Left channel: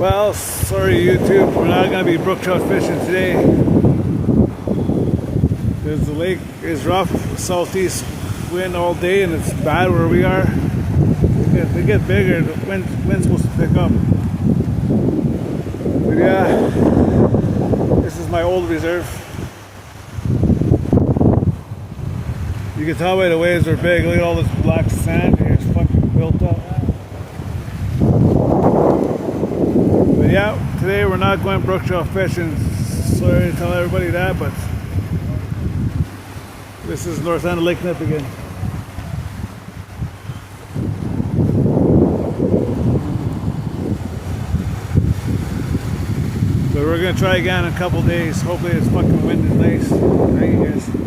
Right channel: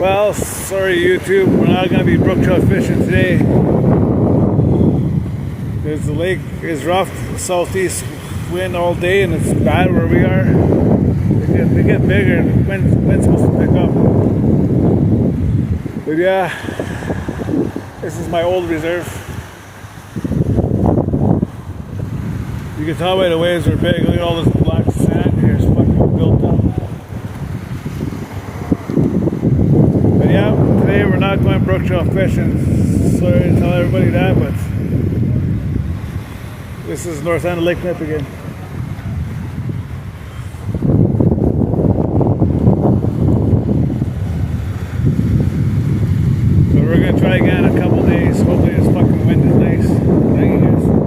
Well, sorry YouTube, we're not going to be brook trout fishing today because the lake is rough, southeast wind all day, and it's bad where we are. They get bigger, the wind's supposed to pick up. But yeah, this is my old reserve. You can tell by the waves are big. Look at all this black sand here, it's fucking built up. But yeah, today we're not going brook trout fishing. Sorry to tell everybody that, but this is north end of Lake Nip again. So we're gonna try again in a couple days. Hopefully this fucking wind is nice. Thank you guys.